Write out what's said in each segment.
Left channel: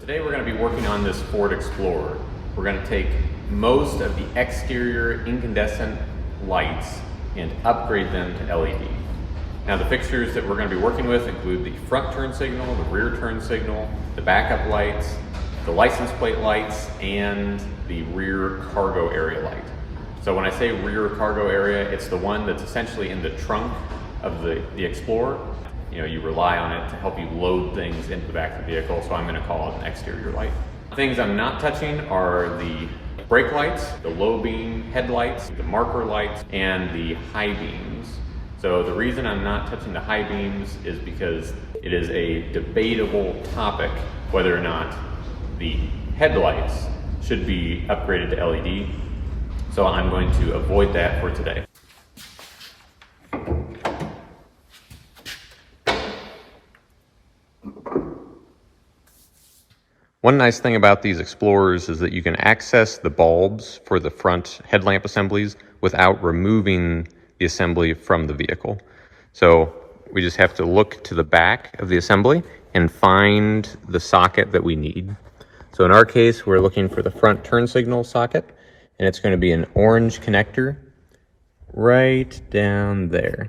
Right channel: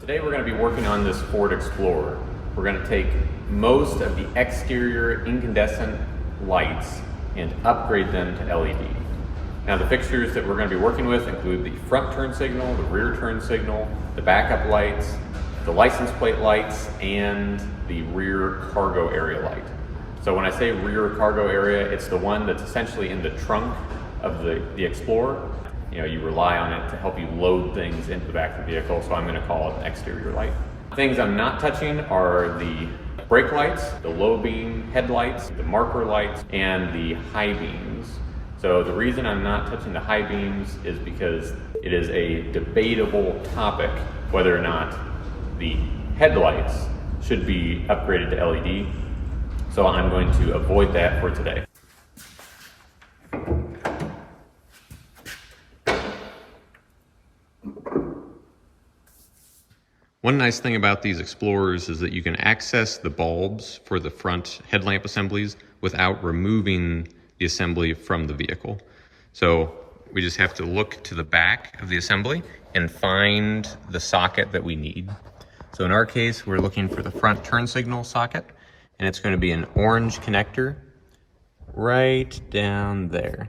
Today we're going to be working on this Ford Explorer. We're going to take most of the exterior incandescent lights and upgrade them to LED. Now the fixtures that we're going to be working with include the front turn signal, the rear turn signal, the backup lights, the license plate lights, and the rear cargo area light. So when I say rear cargo area, it's the one that's essentially in the trunk of the Explorer. You know, you rely on it to help you load things into the back of the vehicle, so I'm going to call it an exterior light. Things I'm not touching are the brake lights, the low beam headlights, the marker lights, and the high beams. So the reason I'm not touching the high beams is because it is a debatable topic whether or not the headlights should be upgraded to LED. So I'm going to avoid that for today. One nice thing about these Explorers is that you can access the bulbs for the front headlamp assemblies without removing the assembly from the vehicle. So we just have to look to the back of the assembly and find the socket that we need. So in our case, we're looking for the front turn signal socket, and it's going to be an orange connector right down there.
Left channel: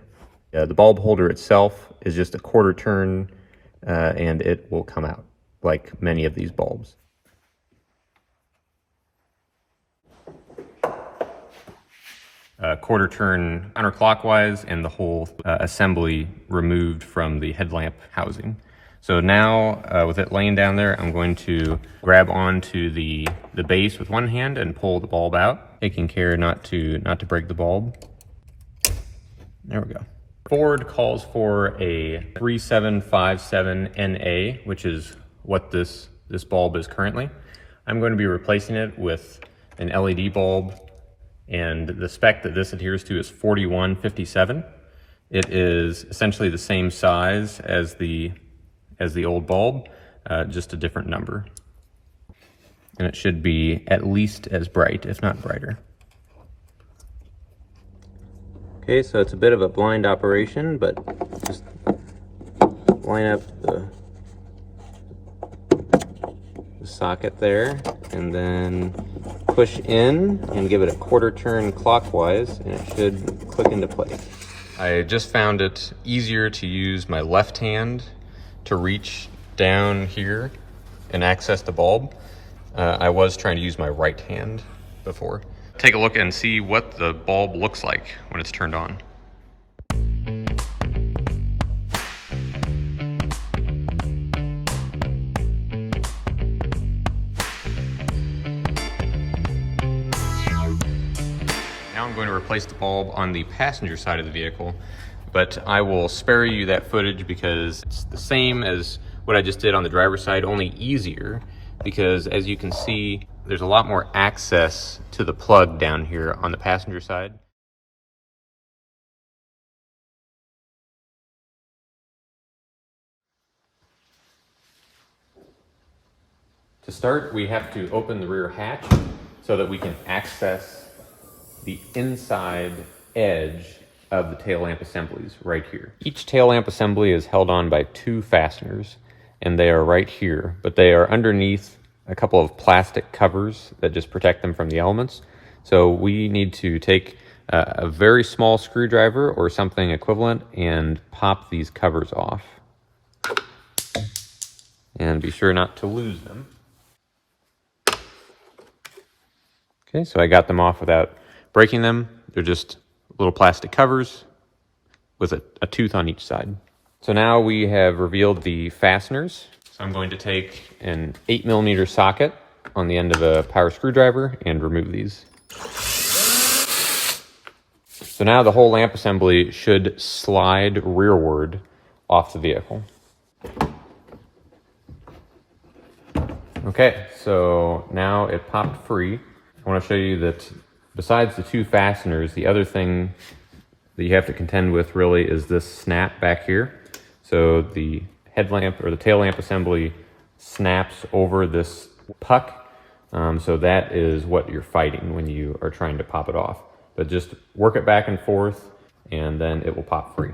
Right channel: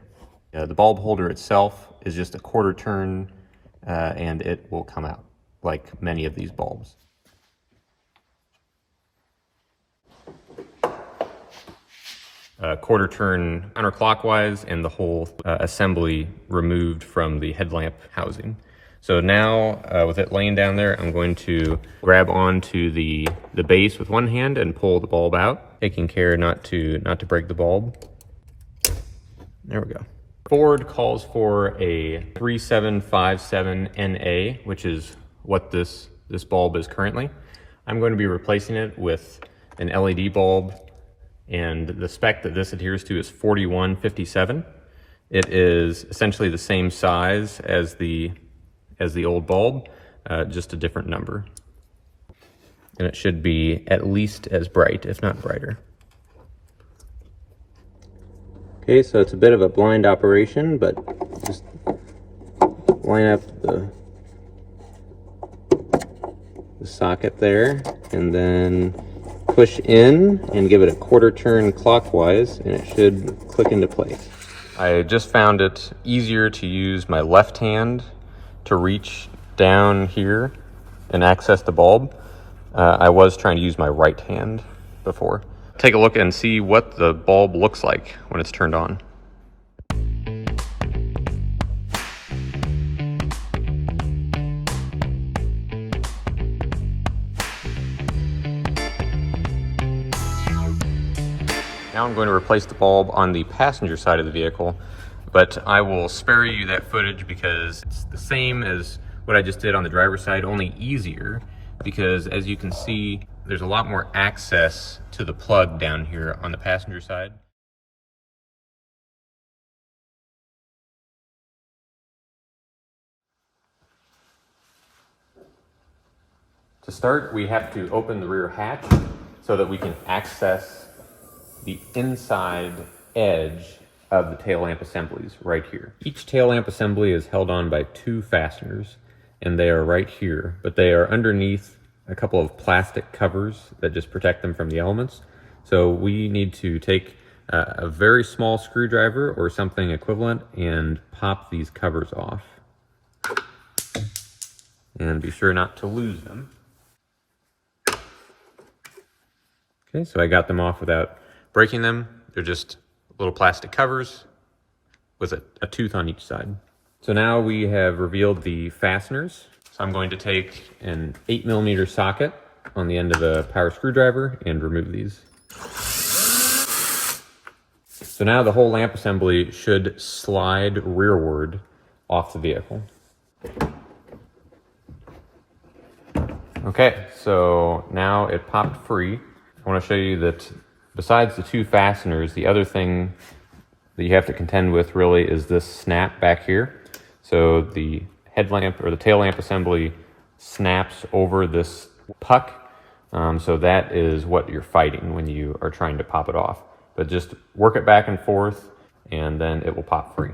The bulb holder itself is just a quarter turn, and it will come out like many of these bulbs. Quarter turn counterclockwise, and the whole assembly removed from the headlamp housing. So now with it laying down there, I'm going to grab onto the base with one hand and pull the bulb out, taking care not to break the bulb. There we go. Ford calls for a 3757NA, which is what this bulb is currently. I'm going to be replacing it with an LED bulb, and the spec that this adheres to is 4157. It is essentially the same size as the old bulb, just a different number. And it should be at least as bright, if not brighter. Okay, so it's a bit of a blind operation, but just line up the socket there, and then push in and give it a quarter turn clockwise, and it should click into place. I just found it easier to use my left hand to reach down here and access the bulb. I was trying to use my right hand before. Take a look and see what the bulb looks like when it's turned on. Now I'm going to replace the bulb on the passenger side of the vehicle, but I will spare you that footage because it's the same as what I just did on the driver's side, only easier, because as you can see, there's a lot more access to the plug down here on the passenger side. To start, we have to open the rear hatch so that we can access the inside edge of the tail lamp assemblies right here. Each tail lamp assembly is held on by two fasteners, and they are right here, but they are underneath a couple of plastic covers that just protect them from the elements. So we need to take a very small screwdriver or something equivalent and pop these covers off. And be sure not to lose them. Okay, so I got them off without breaking them. They're just little plastic covers with a tooth on each side. So now we have revealed the fasteners. So I'm going to take an 8mm socket on the end of a power screwdriver and remove these. So now the whole lamp assembly should slide rearward off the vehicle. Okay, so now it popped free. I want to show you that besides the two fasteners, the other thing that you have to contend with really is this snap back here. So the headlamp or the tail lamp assembly snaps over this puck. So that is what you're fighting when you are trying to pop it off. But just work it back and forth, and then it will pop free.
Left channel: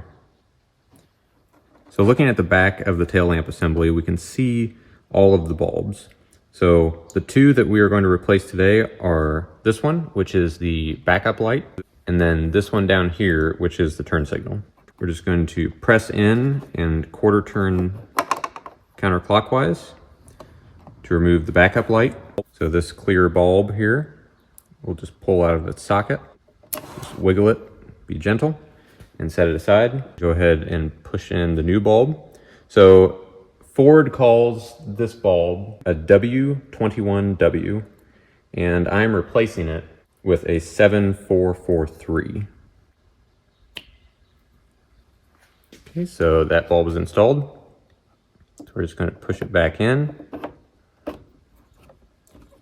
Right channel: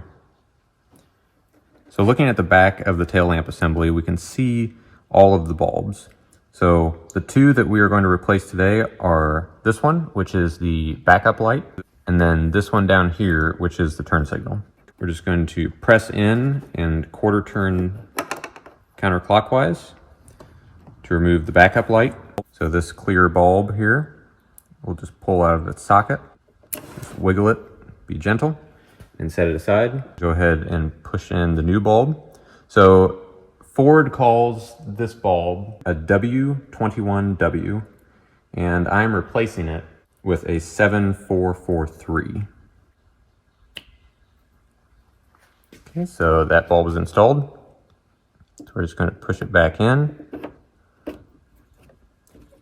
So looking at the back of the tail lamp assembly, we can see all of the bulbs. So the two that we are going to replace today are this one, which is the backup light, and then this one down here, which is the turn signal. We're just going to press in and quarter turn counterclockwise to remove the backup light. So this clear bulb here, we'll just pull out of its socket, just wiggle it, be gentle, and set it aside. Go ahead and push in the new bulb. So Ford calls this bulb a W21W, and I'm replacing it with a 7443. Okay, so that bulb is installed. So we're just going to push it back in,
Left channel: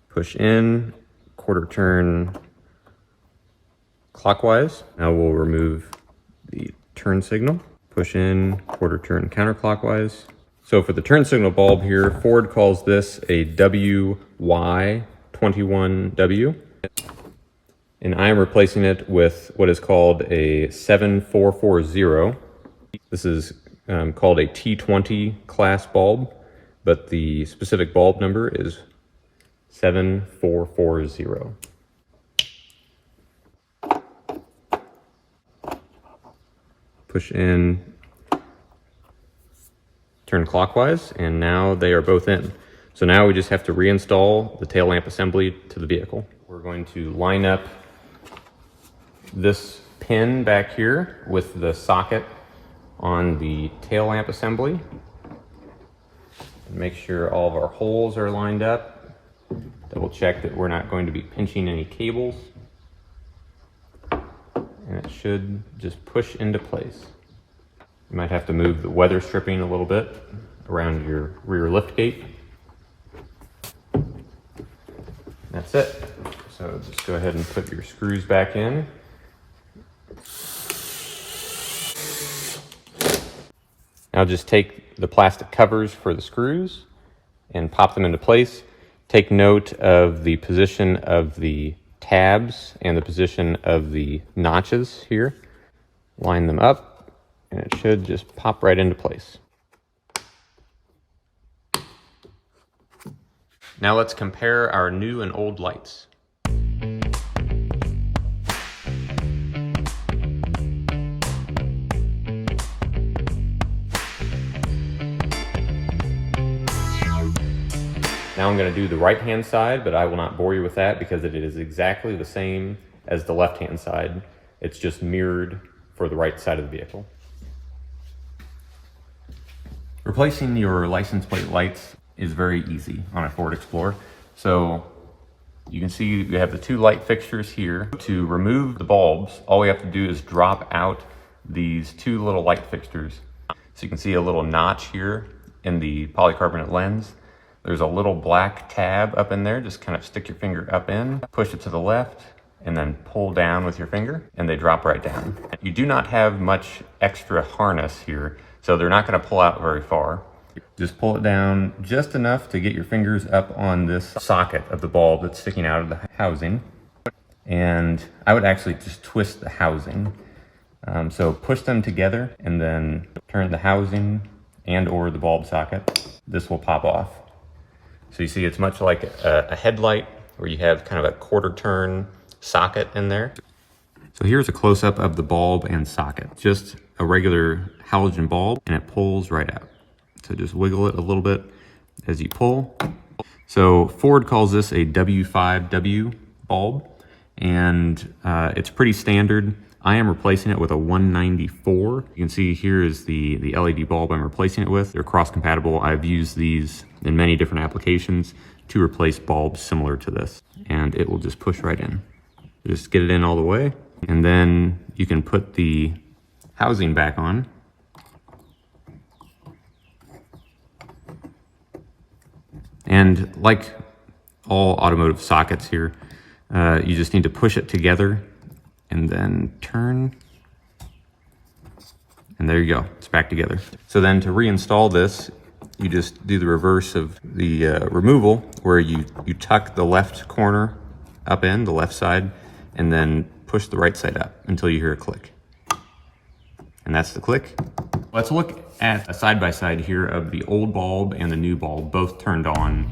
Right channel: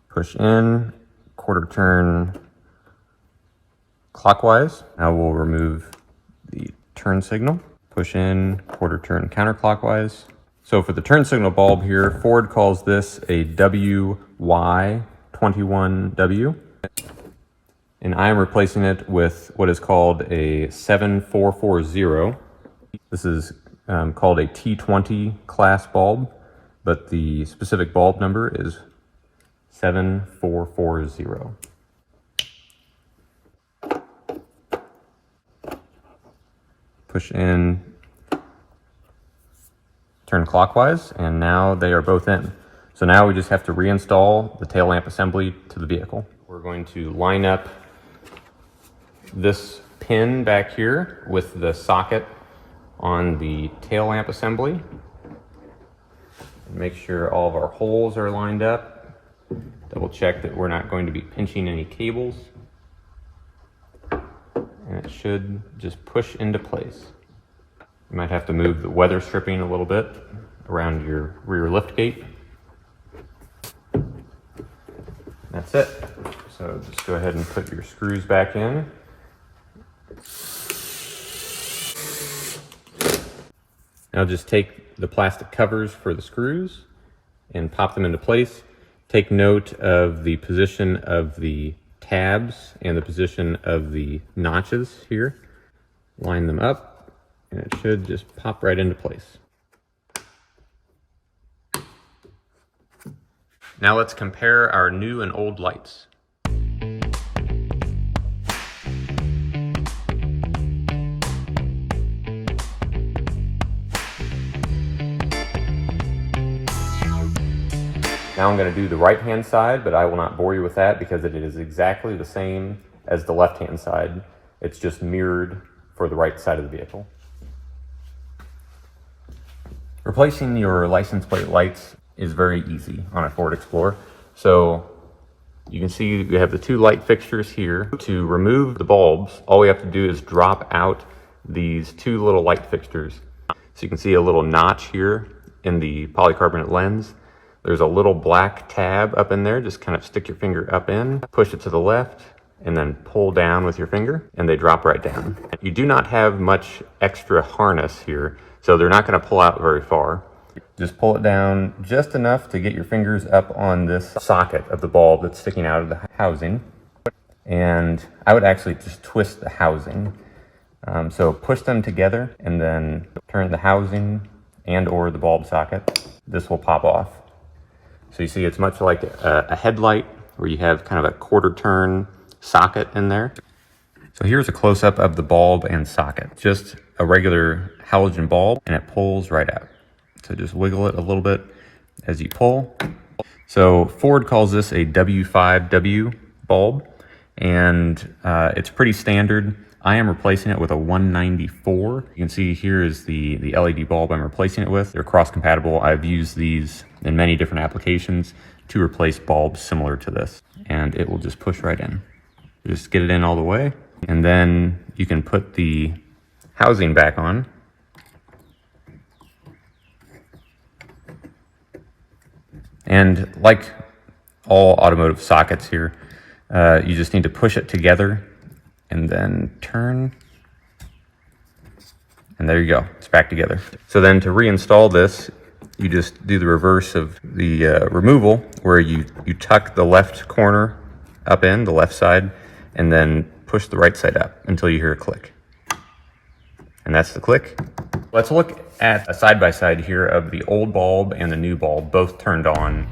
push in, quarter turn clockwise. Now we'll remove the turn signal, push in, quarter turn counterclockwise. So for the turn signal bulb here, Ford calls this a WY21W, and I'm replacing it with what is called a 7440. This is called a T20 class bulb, but the specific bulb number is 7440. Push in, turn clockwise, and now they are both in. So now we just have to reinstall the tail lamp assembly to the vehicle. We're going to line up this pin back here with the socket on the tail lamp assembly. Make sure all of our holes are lined up. Double check that we're not going to be pinching any cables. And it should just push into place. You might have to move the weather stripping a little bit around your rear lift gate. That's it. So just go ahead and put your screws back in. Now just take the plastic covers for the screws and pop them into place. Take note of the position of the tabs and the position of the notches here. Line them up, and it should just pop right into place. Now let's compare our new and old lights. Now I'm going to do the right-hand side, but I will not bore you with that because it is exactly the same as the left-hand side. It's just mirrored for the right side of the vehicle. Replacing your license plate lights is very easy on a Ford Explorer. So you can see we have the two light fixtures here. To remove the bulbs, all we have to do is drop out these two little light fixtures. So you can see a little notch here in the polycarbonate lens. There's a little black tab up in there. Just kind of stick your finger up in, push it to the left, and then pull down with your finger, and they drop right down. You do not have much extra harness here, so they're not going to pull out very far. Just pull it down just enough to get your fingers up on this socket of the bulb that's sticking out of the housing. And I would actually just twist the housing. So push them together and then turn the housing and or the bulb socket. This will pop off. So you see it's much like a headlight where you have kind of a quarter turn socket in there. So here's a close-up of the bulb and socket. Just a regular halogen bulb, and it pulls right out. So just wiggle it a little bit as you pull. So Ford calls this a W5W bulb, and it's pretty standard. I am replacing it with a 194. You can see here is the LED bulb I'm replacing it with. They're cross-compatible. I've used these in many different applications to replace bulbs similar to this, and it will just push right in. Just get it in all the way, and then you can put the housing back on. And like all automotive sockets here, you just need to push it together and then turn, and there you go, it's back together. So then to reinstall this, you just do the reverse of the removal, where you tuck the left corner up in, the left side, and then push the right side up until you hear a click. and that's the click. Let's look at a side-by-side here of the old bulb and the new bulb, both turned on.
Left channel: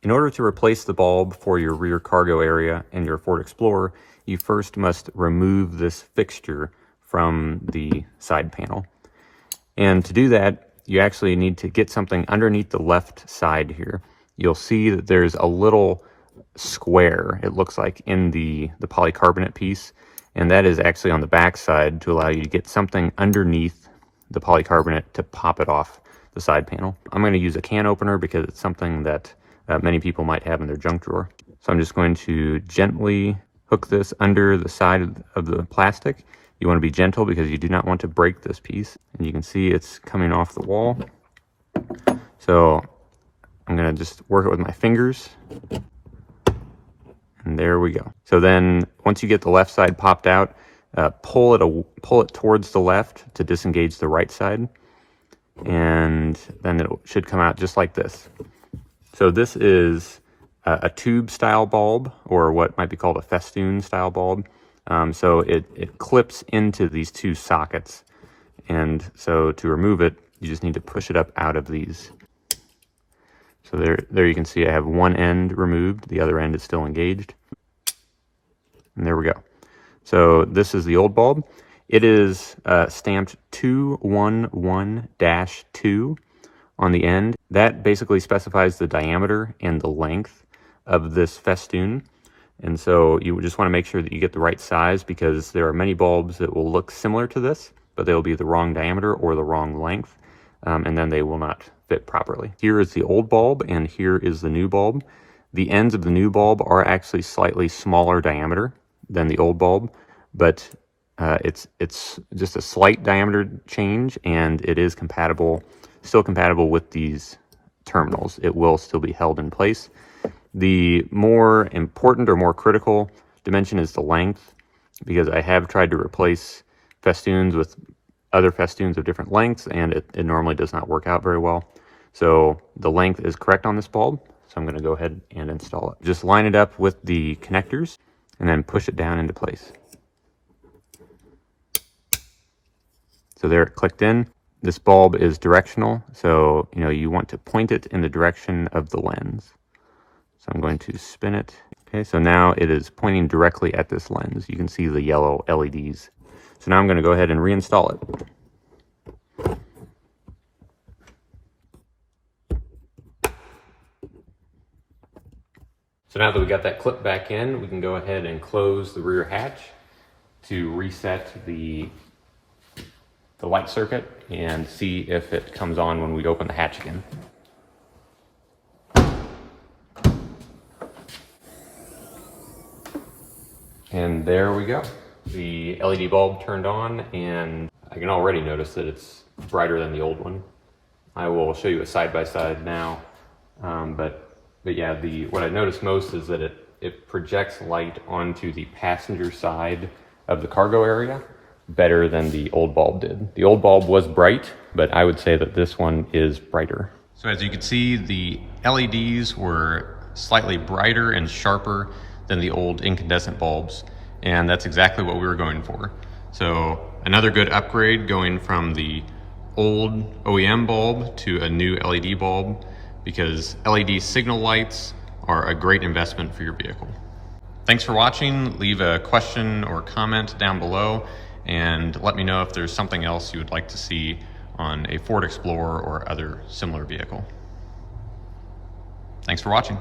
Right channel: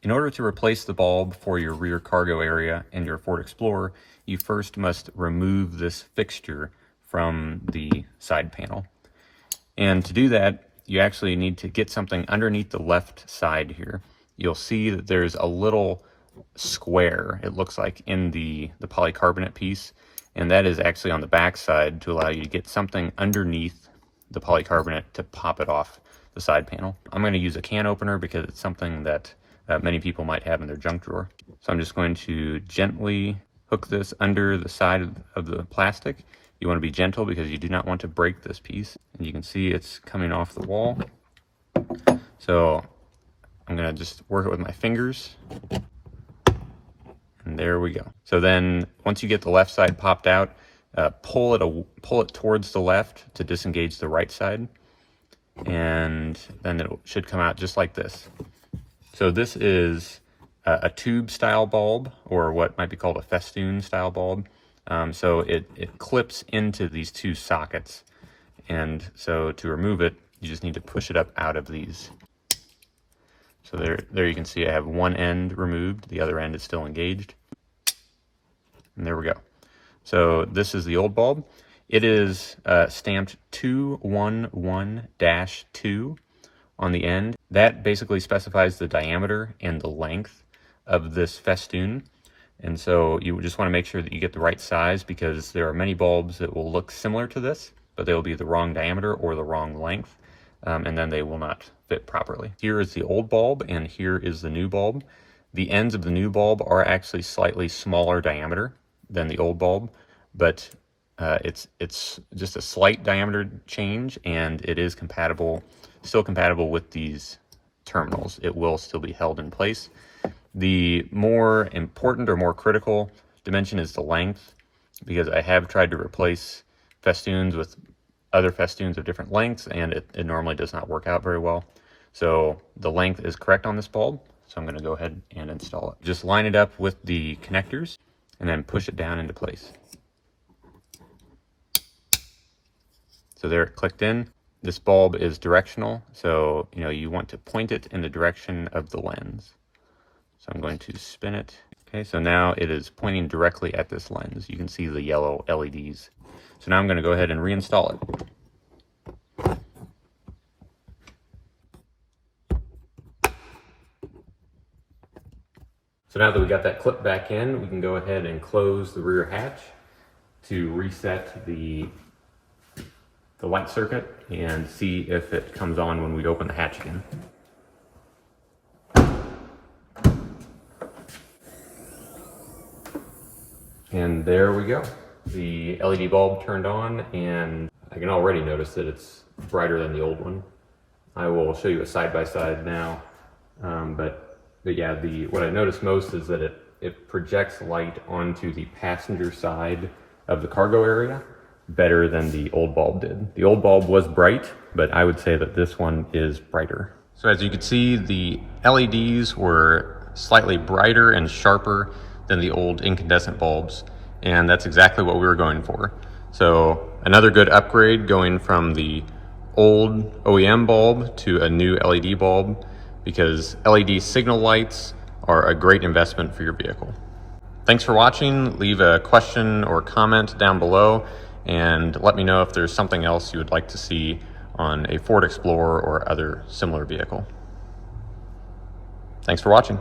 In order to replace the bulb for your rear cargo area in your Ford Explorer, you first must remove this fixture from the side panel. And to do that, you actually need to get something underneath the left side here. You'll see that there's a little square, it looks like, in the polycarbonate piece, and that is actually on the back side to allow you to get something underneath the polycarbonate to pop it off the side panel. I'm going to use a can opener because it's something that many people might have in their junk drawer. So I'm just going to gently hook this under the side of the plastic. You want to be gentle because you do not want to break this piece. And you can see it's coming off the wall. So I'm going to just work it with my fingers. And there we go. So then once you get the left side popped out, pull it towards the left to disengage the right side. And then it should come out just like this. So this is a tube style bulb, or what might be called a festoon style bulb. So it clips into these two sockets. And so to remove it, you just need to push it up out of these. So there you can see I have one end removed, the other end is still engaged. And there we go. So this is the old bulb. It is stamped 211-2 on the end. That basically specifies the diameter and the length of this festoon. And so you just want to make sure that you get the right size, because there are many bulbs that will look similar to this, but they'll be the wrong diameter or the wrong length, and then they will not fit properly. Here is the old bulb and here is the new bulb. The ends of the new bulb are actually slightly smaller diameter than the old bulb, but it's just a slight diameter change, and it is still compatible with these terminals. It will still be held in place. The more important or more critical dimension is the length, because I have tried to replace festoons with other festoons of different lengths, and it normally does not work out very well. So the length is correct on this bulb, so I'm going to go ahead and install it. Just line it up with the connectors and then push it down into place. So there it clicked in. This bulb is directional, so you want to point it in the direction of the lens. So I'm going to spin it. Okay, so now it is pointing directly at this lens. You can see the yellow LEDs. So now I'm going to go ahead and reinstall it. So now that we got that clip back in, we can go ahead and close the rear hatch to reset the light circuit and see if it comes on when we open the hatch again. And there we go. The LED bulb turned on, and I can already notice that it's brighter than the old one. I will show you a side-by-side now, but yeah, what I noticed most is that it projects light onto the passenger side of the cargo area better than the old bulb did. The old bulb was bright, but I would say that this one is brighter. So as you can see, the LEDs were slightly brighter and sharper than the old incandescent bulbs, and that's exactly what we were going for. So another good upgrade, going from the old OEM bulb to a new LED bulb, because LED signal lights are a great investment for your vehicle. Thanks for watching. Leave a question or comment down below, and let me know if there's something else you would like to see on a Ford Explorer or other similar vehicle. Thanks for watching.